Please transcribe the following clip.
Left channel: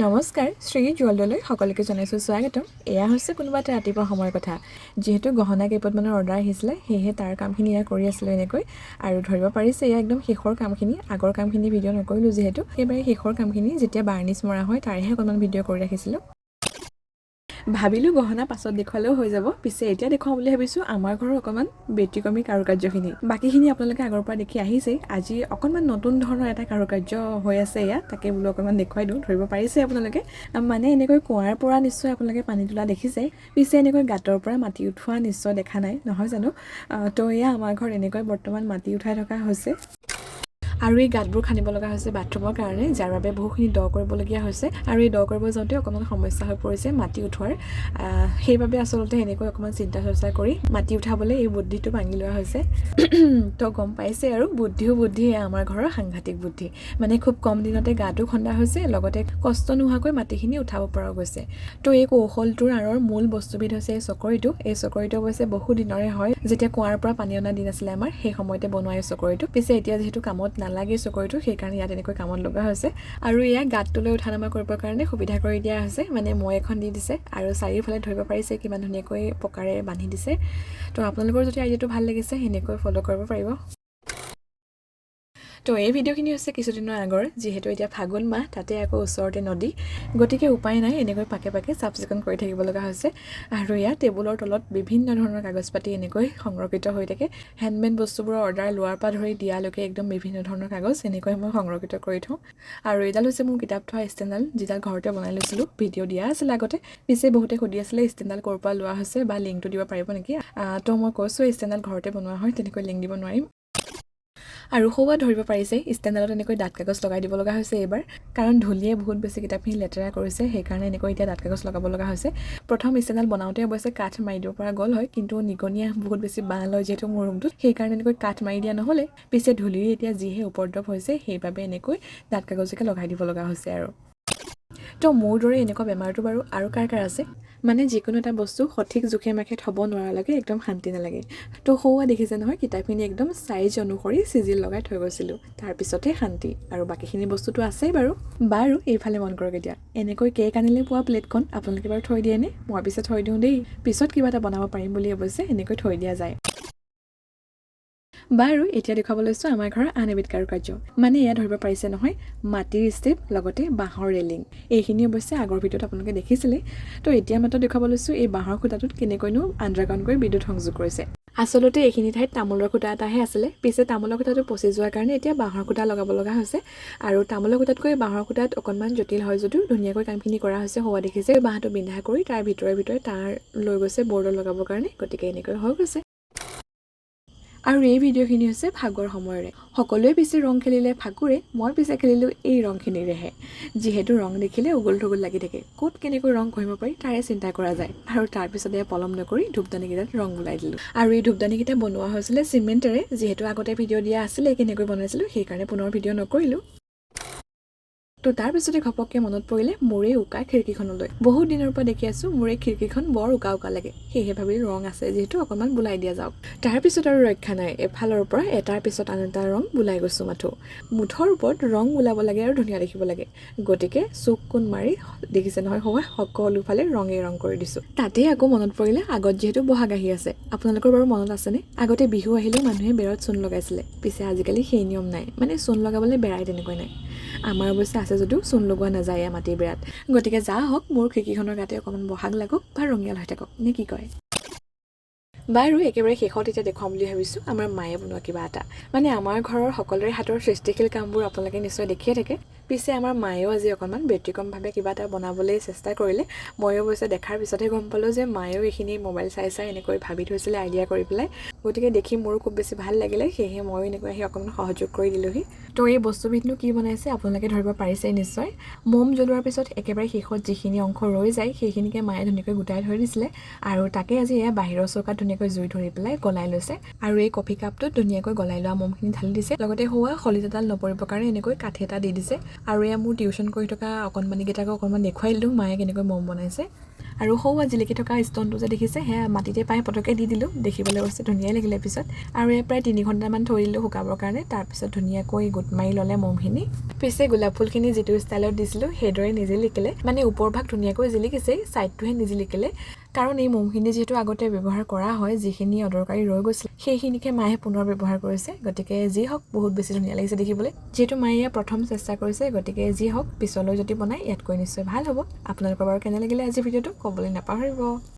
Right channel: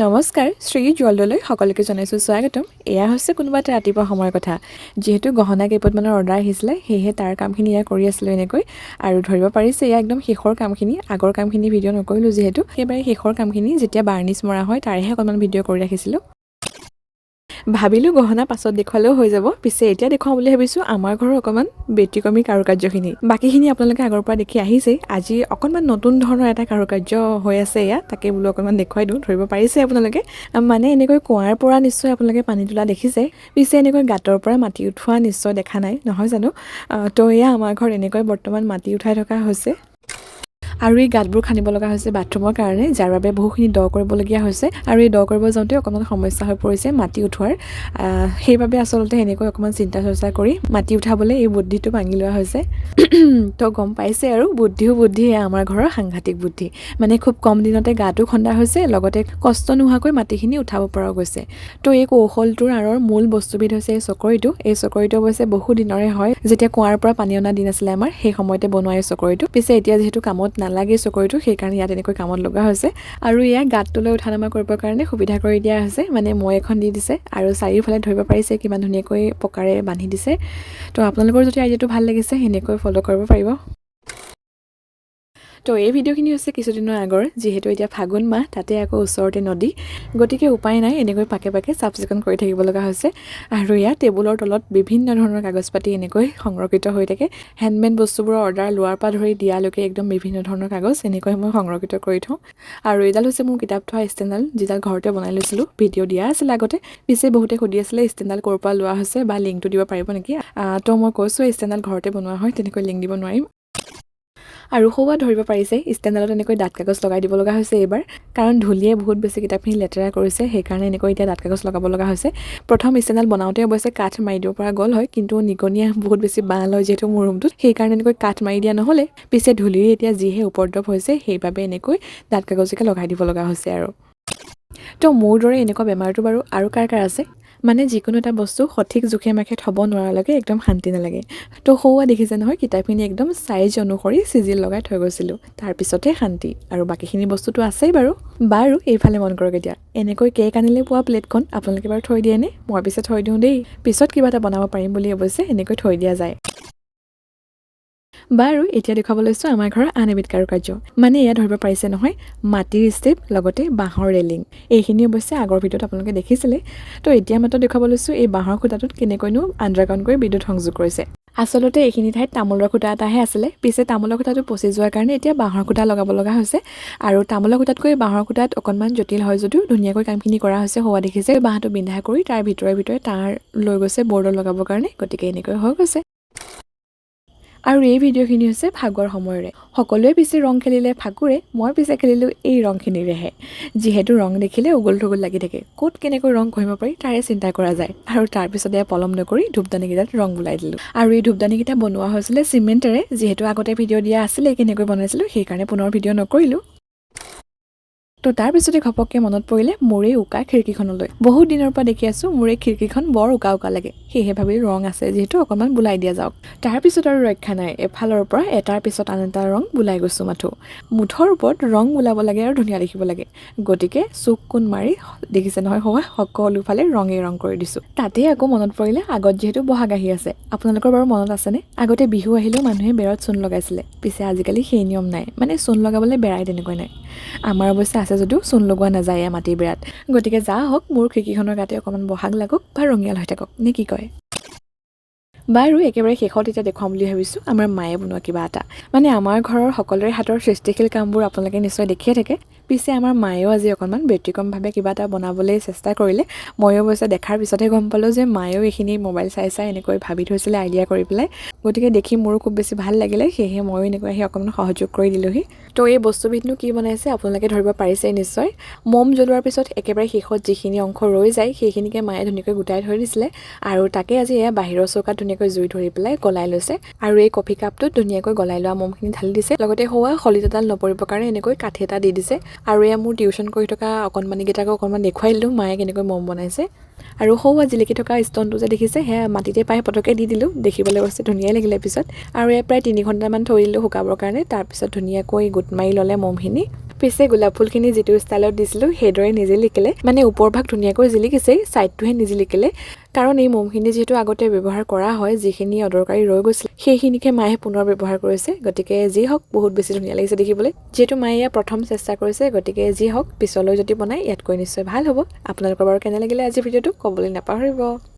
নমস্কাৰ শ্ৰী জল্ডলৈ সকলোকে জনাইছোঁ স্বাগতম। এয়া হৈছে কোনোবা এটা ৰাতিপুৱা সময়ৰ কথা। যিহেতু গহনা কেইপটমানৰ অৰ্ডাৰ আহিছিলে, সেয়েহে তাৰ কামখিনি এয়া কৰি আছিলোঁ এনেকৈ। আৰু ধৰিব পাৰিছে এয়া একদম শেষৰ কামখিনি। আগৰ কামখিনি ভিডিঅ' নকৰিলোঁ যিহেতু, একেবাৰে শেষৰ কামখিনি যেতিয়া বাৰ্নিছ মৰা হয় তাৰেহে অকণমান ভিডিঅ' কৰি ৰাখিছিলোঁ। ভাবিলোঁ গহনা পাছত দেখুৱালেও হৈ যাব, পিছে এতিয়া দেখুৱাওঁ বুলি ভাবিছোঁ আমাৰ ঘৰৰ অকণমান ব্যতিক্ৰমী কাৰুকাৰ্যখিনি। বাকীখিনি আপোনালোকে আগৰ পৰা দেখি আহিছেই। আজি অকণমান নতুন ধৰণৰ এটা কাৰুকাৰ্য হৈ আছে এয়া, তাকে বোলো অকণমান দেখুৱাই দিওঁ। ধৰিব পাৰিছে আপোনালোকে, মানে এনেকৈ কুঁৱাৰ পৰা নিশ্চয় আপোনালোকে পানী তোলা দেখিছে, পিছে এনেকৈ গাঁতৰ পৰা মাটি উঠোৱা নিশ্চয় দেখা নাই, নহয় জানো? তো এয়া আমাৰ ঘৰত এনেকৈ বৰ্তমান মাটি উঠাই থকা হৈছে। আৰু এই গাঁতবোৰ খান্দিব লগা হৈছে বাথৰুমৰ কাৰণে, যাৰ বাবে বহুখিনি দ কৰিবলগীয়া হৈছে। আৰু এই দ কৰিব যাওঁতে অকণমান সমস্যা হৈ পৰিছে মাটি উঠোৱাৰ। সেইবাবে আচলতে এনেকৈ অকণমান চিন্তা চৰ্চা কৰি মাটি উঠাবলৈ এই বুদ্ধিটো ভাঙি লোৱা হৈছে। তো গম পাইছে আৰু বুদ্ধি আমাৰ ঘৰৰ সাংঘাতিক বুদ্ধি। মানে খুব কম দিনতে গাঁতো খন্দা হৈছে, লগতে কষ্ট নোহোৱাকৈ মাটিখিনি উঠাব পৰা গৈছে। তো এই কৌশলটোৰ আঁৰৰ মূল বস্তুবিধ হৈছে এই চকৰিটো। এই চকৰিটো অৱশ্যে বহু দিনৰে হয়, যেতিয়া কুঁৱাৰ পৰা পানী অনা দিন আছিলে আমাৰ, সেই সময়তে বনোৱা এই চকৰিটো। পিছে এতিয়া যিহেতু কামত নালাগে চকৰিটো, সেইকাৰণে ইয়াত এনেকৈ কামত লগা হৈছে। আৰু ইয়াক গাঁতটোলৈ উঠা নমা কৰিবৰ কাৰণে সুবিধা কৰি দিয়া হৈছে, মানে মই এখন দি দিছে আৰু চাৰিওফালে ধৰিব পাৰিছে কিমান ধুনীয়াকৈ পকাৰে বান্ধি দিছে। তো আপোনালোকৰ যদি আইডিয়াটো ভাল লাগিছে সেনেকৈ ফ'ল' কৰিব পাৰিব। তো এই ভিডিঅ'খিনি হৈছে কিছুদিনৰ আগৰ, যিহেতু এতিয়া ফাগুন মাহ, তাতে আকৌ ওচৰতে নদী, গতিকে উপায় নাই এনেকৈ পাকে পাকে চাফ চিকুণ কৰি থাকিব লগা হৈছে। আৰু ইয়াত টেবুলৰ তলত বিভিন্ন ধৰণৰ কাগজ পাতি এনেকৈ সংৰক্ষিত হৈ থাকে। হেণ্ডমেড বস্তুবোৰৰ অৰ্ডাৰ লোৱাৰ পৰা ধৰি দিয়ালৈকে একদম বিভিন্ন ধৰণৰ কাগজ এনেকৈ মই সংৰক্ষিত কৰি থওঁ। আৰু এইডাল হৈছে মোৰ কিতাপ থোৱা ষ্টেণ্ডডাল, যিডাল ঘৰতে বনাই লৈছিলোঁ, ভিডিঅ' দিয়া আছিল আগতে। পিছে বহুতে সুধি আছিলে ষ্টেণ্ডডাল ক'ৰ পৰা লোৱা হৈছে বা লিংকটো দিব পাৰিব নেকি। তো মই কৈছোঁ ষ্টেণ্ডডাল ঘৰতে বনোৱা হয়, তেনেকৈ লিংক দিব নোৱাৰিম। আৰু সৌৱা ধৰিব পাৰিছে ষ্টেণ্ডডালত এনেকৈ ডাঠ কাগজ লগাই দিব লগা হৈছে এইবাৰ, কাৰণ ধূলিয়ে বহুত বেছি কিতাপখিনি লেতেৰা কৰিছে, সেইকাৰণে এনেকৈ এতিয়া ডাঠ কাগজ লগাব লগা হৈছে। প্ৰথম ষ্টেণ্ডডাল বনাওঁতে অৱশ্যে কাঠ মাৰি দিব পৰা গ'ল হয়, কিন্তু নিগনিয়ে বহুত বেছি বাঁহ লয় যিহেতু মোৰ ৰুমটোত, সেইকাৰণে এনেকৈ কাঠ মাৰি দিয়া নহ'লে। পিছে ধূলিৰ এতিয়া যিহে উপদ্ৰৱ হৈছে, সেইবাবে এনেকৈ ডাঠ কাগজকে লগাই দিব লগা হৈছে আৰু। তো মোৰ দৰে এনেকুৱা বেমাৰটো বাৰু আৰু কাৰ আছে? মানে যিকোনো এটা বস্তু সঠিক জোখে মাখে থ'ব নোৱাৰালৈকে একদম শান্তি নালাগে। তো সৌৱা দেখিছে নহয়, কিতাপখিনি একদম চাইজ অনুসৰি চিজিল লগাই থৈ গৈছিলোঁ, তাৰপিছতহে শান্তি। আৰু বাকীখিনি বস্তুটো আছেই বাৰু। এইফালে মন কৰক এতিয়া, এনেকৈ কেক আনিলে পোৱা প্লেটখন আপোনালোকে বাৰু থৈ দিয়েনে? মই পিছে থৈ দিওঁ দেই, পিছত কিবা এটা বনাব পাৰিম বুলি অৱশ্যে এনেকৈ থৈ দিয়া যায়। এতিয়া দেখুৱাব লৈছোঁ আমাৰ ঘৰৰ আন এবিধ কাৰুকাৰ্য। মানে এয়া ধৰিব পাৰিছে নহয়, মাটিৰ ষ্টেপ লগতে বাঁহৰ ৰেলিং। এইখিনি অৱশ্যে আগৰ ভিডিঅ'ত আপোনালোকে দেখিছিলে। তো এতিয়া মাত্ৰ দেখুৱাব লৈছোঁ এই বাঁহৰ খুঁটাটোত কেনেকৈনো আণ্ডাৰগ্ৰাউণ্ড কৰি বিদ্যুৎ সংযোগ কৰিছে। আচলতে এইখিনি ঠাইত তামোলৰ খুঁটা এটাহে আছিলে, পিছে তামোলৰ খুঁটাটো পচি যোৱাৰ কাৰণে এতিয়া বাঁহৰ খুঁটা লগাব লগা হৈছে। আৰু তামোলৰ খুঁটাতকৈ বাঁহৰ খুঁটাত অকণমান জটিল হয় যদিও ধুনীয়াকৈ কামখিনি কৰা হৈছে। হোৱা দেখিছে বাঁহটো বিন্ধা কৰি তাৰ ভিতৰে তাঁৰ লৈ গৈছে বৰ্ডত লগাবৰ কাৰণে, গতিকে এনেকৈ হৈ গৈছে। আৰু এই ভিডিঅ'খিনি হৈছে ফাগুৱাৰ সময়ৰে। সকলোৱে পিছে ৰং খেলিলে ফাগুৰে, মই পিছে খেলিলোঁ এই ৰংখিনিৰেহে। যিহেতু ৰং দেখিলে উগুল থুগুল লাগি থাকে, ক'ত কেনেকৈ ৰং ঘঁহিব পাৰি তাৰে চিন্তা কৰা যায়। আৰু তাৰপিছতে পলম নকৰি ধূপদানিকেইটাত ৰং বুলাই দিলোঁ। আৰু এই ধূপদানিকেইটা বনোৱা হৈছিলে চিমেণ্টেৰে, যিহেতু আগতে ভিডিঅ' দিয়া আছিলে কেনেকৈ বনাইছিলোঁ, সেইকাৰণে পুনৰ ভিডিঅ' নকৰিলোঁ। তো তাৰপিছতে ঘপককৈ মনত পৰিলে মোৰ এই উকা খিৰিকীখনলৈ। বহুত দিনৰ পৰা দেখি আছোঁ মোৰ এই খিৰিকীখন বৰ উকা লাগে, সেয়েহে ভাবি ৰং আছে যিহেতু অকণমান বুলাই দিয়া যাওক। তাৰপিছত আৰু ৰক্ষা নাই, এফালৰ পৰা এটাৰ পিছত আন এটা ৰং বুলাই গৈছোঁ মাথো। মুঠৰ ওপৰত ৰং বুলাব লাগে আৰু ধুনীয়া দেখিব লাগে, গতিকে চুক কোন মাৰি দেখিছে নহয় হোৱা সকলোফালে ৰং কৰি দিছোঁ। তাতেই আকৌ মনত পৰিলে আগত যিহেতু বহাগ আহি আছে, আপোনালোকৰ বাৰু মনত আছেনে? আগতে বিহু আহিলেও মানুহে বেৰত চূণ লগাইছিলে, পিছে আজিকালি সেই নিয়ম নাই, মানে চূণ লগাবলৈ বেৰাই তেনেকৈ নাই। আমাৰ অৱশ্যে আছে যদিও চূণ লগোৱা নাযায় মাটিৰ বেৰাত। গতিকে যা হওক মোৰ খিৰিকীখনৰ গাতে অকণমান বহাগ লাগক বা ৰঙিয়াল হৈ থাকক, নে কি কয়? একেবাৰে শেষত এতিয়া দেখুৱাম বুলি ভাবিছোঁ আমাৰ মায়ে বনোৱা কিবা এটা। মানে আমাৰ ঘৰৰ সকলোৰে হাতৰ সৃষ্টিশীল কামবোৰ আপোনালোকে নিশ্চয় দেখিয়ে থাকে, পিছে আমাৰ মায়েও আজি অকণমান ব্যতিক্ৰমভাৱে কিবা এটা বনাবলৈ চেষ্টা কৰিলে। ময়ো অৱশ্যে দেখাৰ পিছতহে গম পালোঁ যে মায়েও এইখিনি মোবাইল চাই এনেকৈ ভাবি থৈছিলে আইডিয়া কৰি পেলাই। গতিকে দেখি মোৰো খুব বেছি ভাল লাগিলে, সেয়েহে ময়ো এনেকৈ আহি অকণমান সহযোগ কৰি দিলোঁহি। তো এই বস্তুবিধনো কি বনাইছে আপোনালোকে ধৰিব পাৰিছেই নিশ্চয়। মম জ্বলোৱাৰ পিছত একেবাৰে শেষত যিখিনি অংশ ৰৈ যায় সেইখিনিকে মায়ে ধুনীয়াকৈ গোটাই থৈ দিছিলে, আৰু তাকে আজি এয়া বাহিৰৰ চৌকাত ধুনীয়াকৈ জুই ধৰি পেলাই গলাই লৈছে। আৰু এই কফি কাপটোত ধুনীয়াকৈ গলাই লোৱা মমখিনি ঢালি দিছে, লগতে হোৱা শলিত এডাল নপৰিবৰ কাৰণে এনেকৈ কাঠি এটা দি দিছে। আৰু এয়া মোৰ টিউশ্যন কৰি থকা অকণমানিকেইটাকো অকণমান দেখুৱাই দিলোঁ মায়ে কেনেকৈ মম বনাইছে। আৰু সৌৱা জিলিকি থকা ষ্টনটো যে দেখিছে সেয়া মাটিতে পাই পটকে দি দিলোঁ দেখিবলৈ অৱশ্যে ধুনীয়াই লাগিলে পিছত আৰু এয়া প্ৰায় 3 ঘণ্টামান থৈ দিলোঁ শুকাবৰ কাৰণে তাৰপিছত ধুনীয়াকৈ গোট মাৰি ল'লে মমখিনি পিছে গোলাপ ফুলখিনি যিটো ষ্টাইলত দিছিলোঁ সেইদৰে নিজিলিকিলে মানে ওপৰভাগ ধুনীয়াকৈ জিলিকিছেই ছাইডটোহে নিজিলিকিলে কাৰণ এই মমখিনি যিহেতু আগতে ব্যৱহাৰ কৰা হয় যিখিনি অদৰকাৰী ৰৈ গৈছিল সেইখিনিকে মায়ে পুনৰ ব্যৱহাৰ কৰিছে গতিকে যি হওক বহুত বেছি ধুনীয়া লাগিছে দেখিবলৈ যিহেতু মায়ে এয়া প্ৰথম চেষ্টা কৰিছে গতিকে যি হওক পিছলৈ যদি বনাই ইয়াতকৈ নিশ্চয় ভাল হ'ব আপোনালোকৰ বাৰু কেনে লাগিলে আজি ভিডিঅ'টো ক'বলৈ নাপাহৰিব